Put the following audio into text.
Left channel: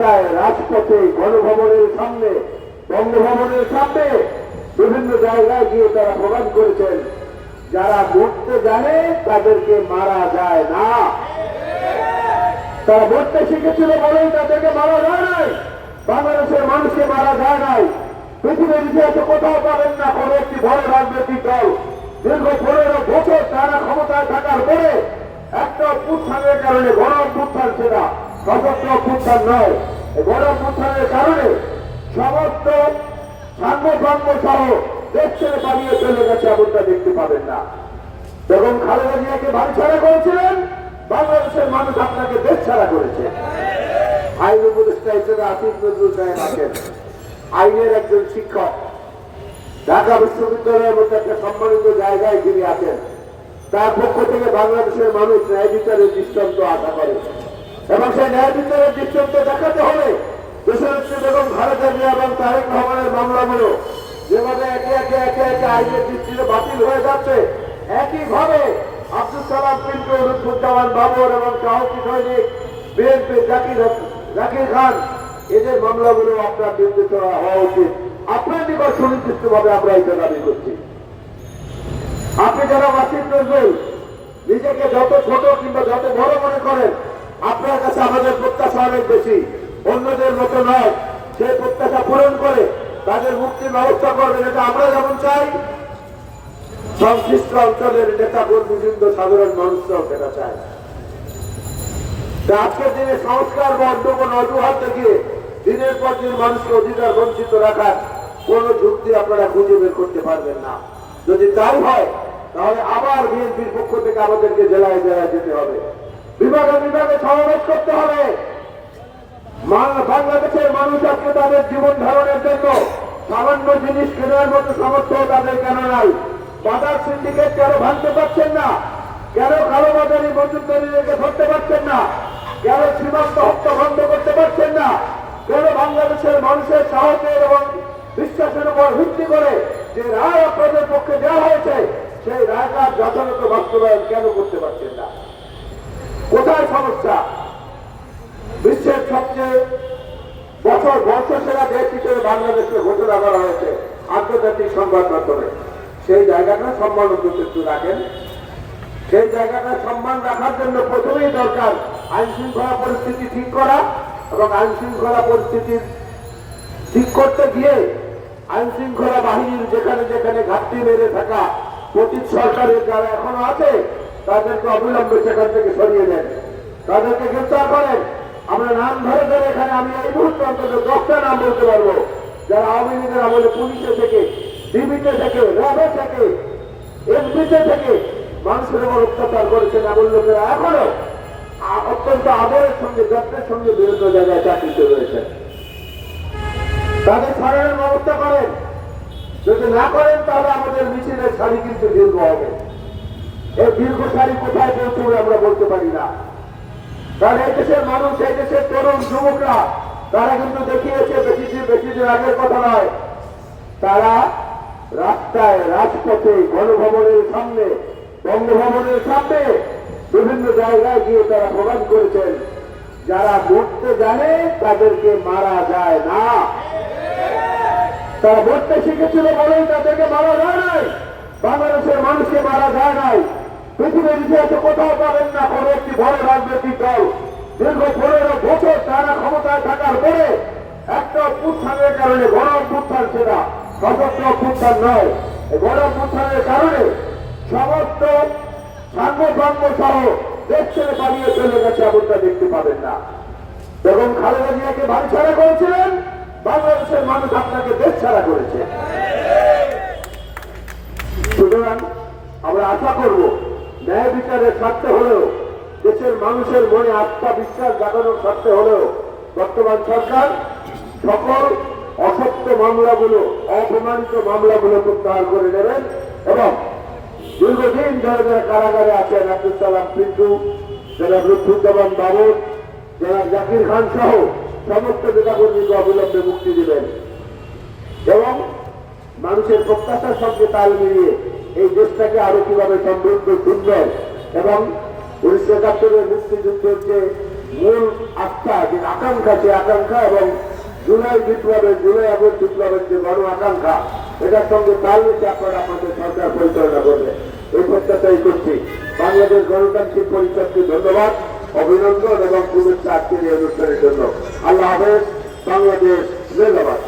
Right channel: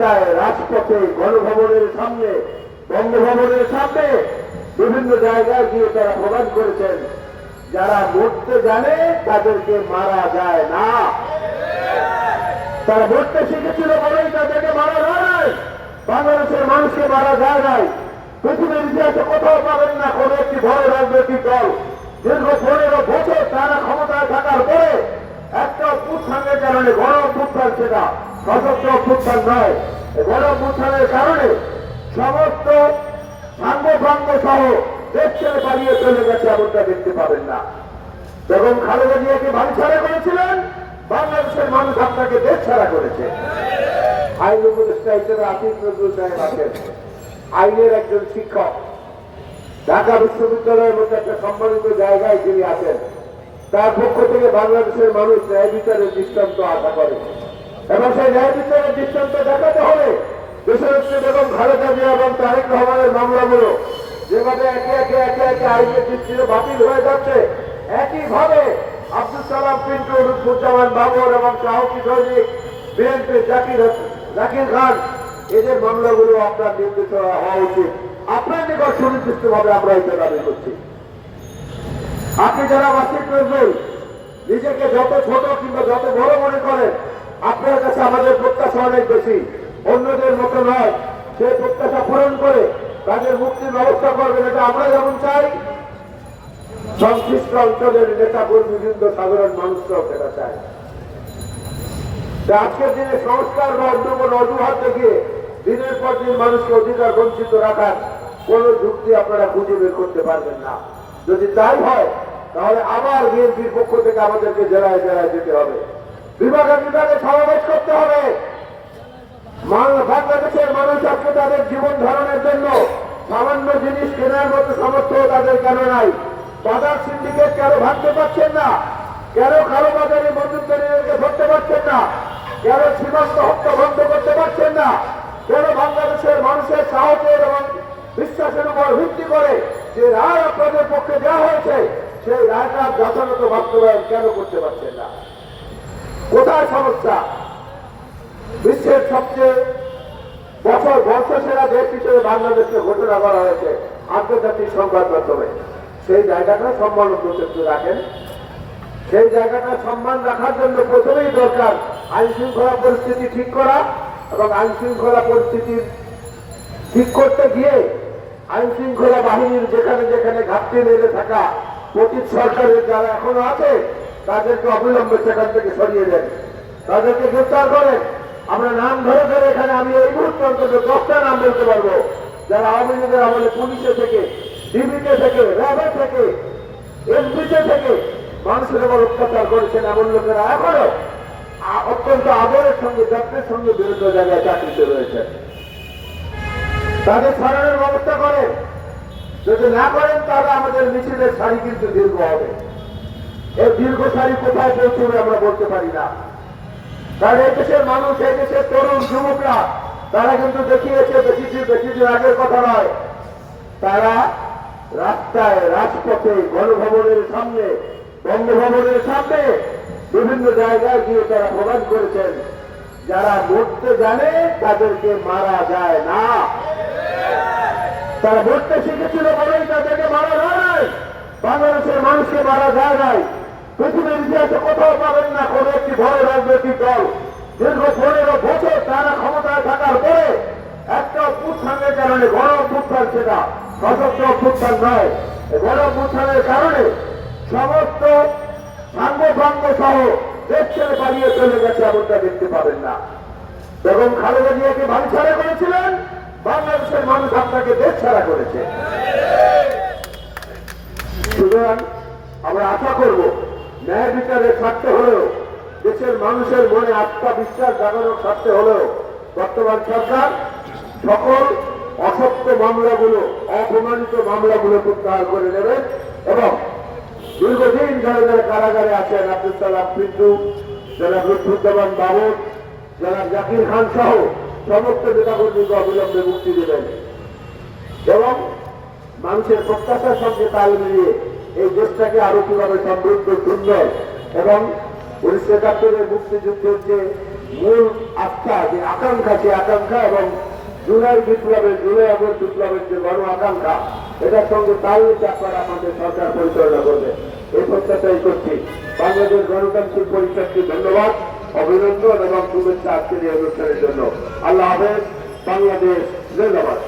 রাজপথে গণভবনের সামনে, বঙ্গভবনের সামনে বিভিন্ন জায়গায় গিয়ে তারা প্রদান করেছেন। যারা মরতে জানে, তাদেরকে মারা যায় না। তারা মরতে শিখেছিল বলেই তাদেরকে মারা যায় নাই। বাংলাদেশের মানুষকে মারা যায় নাই। পৃথিবীর ইতিহাসে কোথাও পাবেন না কোন একটি বড় রাজনৈতিক দল। দীর্ঘ পনেরো বছর তারা ক্ষমতায় থাকার পরে একটা অভ্যুত্থানের কারণে গণ অভ্যুত্থান সেটা সশস্ত্র অভ্যুত্থান নয়। এই গণ অভ্যুত্থানের কারণে সমস্ত সাঙ্গভঙ্গ সহ দেশ ছেড়ে পালিয়ে চলে গেছে এমনটা দেখতে পাবেন না। বেগম খালেদা জিয়াকে বাড়ি ছাড়া করেছিলেন, বাংলাদেশের মানুষ আপনাকে দেশ ছাড়া করেছে। আইন উপদেষ্টা হিসেবে আসিফ নজরুল সাহেব আছেন। আইনের একজন শিক্ষক। ঢাকা বিশ্ববিদ্যালয়ের মধ্যে একটা সম্মানিত জায়গায় যিনি আছেন। তার পক্ষ থেকে বাংলাদেশের মানুষ ন্যায় বিচারের দৃষ্টান্ত আশা করে। এবং সেই ন্যায় বিচারের দৃষ্টান্ত দেখাতে হলে বেগম এবং তারেক রহমানের মামলাগুলো যেভাবে একে একে একে একে আইনের দৃষ্টিতে বাতিল হয়ে যাচ্ছে, একইভাবে আব্দুল সালাম পিন্টু লুৎফুজ্জামান বাবর এবং সাহসী সৈনিক, বিএনপি জাকির জাকির খান, এদের মামলাগুলো আপনার নির্দেশনা হওয়া উচিত। আপনার নিকট সুনির্দিষ্ট ভাবে আমরা এটা দাবি করছি। আপনি যারা ওয়াসিফ নজরুল নিজেকে যত ছোট কিংবা যত বড় মনে করেন আপনার কাছে আমাদের প্রত্যাশা অনেক বেশি। অন্যদের মতো নয় সেই প্রত্যাশা পূরণ করে তাদের মুক্তির ব্যবস্থা করবেন, এটা আমরা যেমন চাই। সংশ্লিষ্ট অঞ্চলের নেতা কর্মীবৃন্দ সাধারণ মানুষরাও সেটা চায়। আজকের দিনে সংস্কার বা অন্য কোনো অজুহাত দেখিয়ে দিনের পর দিন মানুষকে অধিকার বঞ্চিত রাখার কোন যুক্তি আপনারা খুঁজে বের করতে পারবেন না। যদি তাই হয়, তাহলে আবার বিএনপির পক্ষ থেকে আমাদেরকে জেলায় জেলায় যেতে হবে। বিভাগে বিভাগে সমাবেশ করতে হবে। বাংলাদেশের মানুষ আজকে তাদের জীবন ধারণের জন্য সামান্য জিনিস কেনার মতো সামর্থ্য তাদের কেন নাই? বাজার সিন্ডিকেট কেন ভাঙতে পারছেন না? কেন কালো বাজারি মজুদারিদেরকে ধরতে পারছেন না? কেন সীমান্ত হত্যা বন্ধ করতে পারছেন না? কেন বাংলাদেশের মানুষের সাহসের এবং বিশ্বাসের উপর ভিত্তি করে যে রায় আপনাদের পক্ষে দেওয়া হয়েছে, সেই রায়টা যথাযথ বাস্তবায়ন কেন করতে পারছেন না? কোথায় সমস্যা? বিশ্বের সবচেয়ে বছর বর্ষ সেরা দেশ হিসেবে বাংলাদেশকে ঘোষণা করা হয়েছে আন্তর্জাতিক সংবাদ মাধ্যমে। সেই জায়গাটা সম্মান একটু রাখেন। সেই জায়গাটা সম্মান রাখার জন্য প্রথমেই দরকার আইন শৃঙ্খলা পরিস্থিতি ঠিক করা এবং আইন শৃঙ্খলা পরিস্থিতি ঠিক করতে গিয়ে আইন শৃঙ্খলা বাহিনীর যেখানে যেখানে ঘাটতি মেরে থাকা পতিত সরকারের যারা এখনও আছে তাদেরকে অবিলম্বে সেখান থেকে সরিয়ে দেন। তাদেরকে গ্রেফতার করেন। আমরা নাম ধরে ধরে এখানে, আমি এই মুহূর্তে অন্তত দশটা নাম বলতে পারব। যারা আওয়ামী লীগের আমলে পুলিশে থেকে, ডিবিতে থেকে, র্যাবে থেকে এসবিতে থেকে মানুষের উপর অত্যাচার করেছেন এমন লোকেরা এখনও। অত্যন্ত আদরের সঙ্গে, যত্নের সঙ্গে বিভিন্ন জায়গায় চাকরিতে রয়েছে তাদের সরানোর ব্যবস্থা করেন। যদি না করেন, তাহলে আমাদের মিছিলের সারি কিন্তু দীর্ঘ হবে। এই দীর্ঘ সারি কোথায় পৌঁছবে আমরা বলতে পারি না। কারণ এই দেশের মানুষ, এই দেশের তরুণ যুবকরা, তারা কিন্তু দেখিয়েছে বেশি দিন বেশি দিন আগের কথা নয়। তারা রাস্তায়, রাজপথে, গণভবনের সামনে, বঙ্গভবনের সামনে বিভিন্ন জায়গায় গিয়ে তারা প্রদান করেছেন। যারা মরতে জানে, তাদেরকে মারা যায় না। তারা মরতে শিখেছিল বলেই তাদেরকে মারা যায় নাই। বাংলাদেশের মানুষকে মারা যায় নাই। পৃথিবীর ইতিহাসে কোথাও পাবেন না, কোন একটি বড় রাজনৈতিক দল। দীর্ঘ পনেরো বছর তারা ক্ষমতায় থাকার পরে একটা অভ্যুত্থানের কারণে গণ অভ্যুত্থান সেটা, সশস্ত্র অভ্যুত্থান নয়। গণ অভ্যুত্থানের কারণে সমস্ত সাঙ্গভঙ্গ সহ দেশ ছেড়ে চলে গেছে এমনটা দেখতে পাবেন না। বেগম খালেদা জিয়াকে বাড়ি ছাড়া করেছিলেন, বাংলাদেশের মানুষ আপনাকে দেশ ছাড়া করেছে। সুতরাং আমরা আশা করব ন্যায় বিচারের স্বার্থে হলেও, দেশের মানুষের মনে আস্থা বিশ্বাস জাগানোর স্বার্থে হলেও, বর্তমান সরকার সকল অসত্য মামলাগুলো, অপমানিত মামলাগুলো প্রত্যাহার করে নেবেন এবং দীর্ঘদিন যারা যারা কারাগারে আছেন আব্দুল সালাম পিন্টু যারা লুৎফুজ্জামান বাবর যারা জাকির খান সহ সমস্ত নেতাকর্মীকে অবিলম্বে মুক্তি দিবেন। এবং মানুষের প্রত্যাশার সঙ্গে তাল মিলিয়ে এই দেশটাকে আরও কীভাবে সমৃদ্ধ, সুন্দর এবং উনিশশো একাত্তরের মুক্তিযুদ্ধের যে মূল আস্থা, যে আকাঙ্ক্ষা যে আকাঙ্ক্ষা এবং জুলাই বিপ্লবের, জুলাই আগস্ট বিপ্লবের যে গণ আকাঙ্ক্ষা, এটার সঙ্গে তাল নিতে আপনারা আমাদের সরকার পরিচালনা করবে। এই প্রত্যাশাই করছি। বাংলাদেশ গণতান্ত্রিক পরিষদকে ধন্যবাদ, অভিনন্দন এবং শুভেচ্ছা আজকের এই অনুষ্ঠানের জন্য। আল্লাহ হাফেজ, বাংলাদেশ জিন্দাবাদ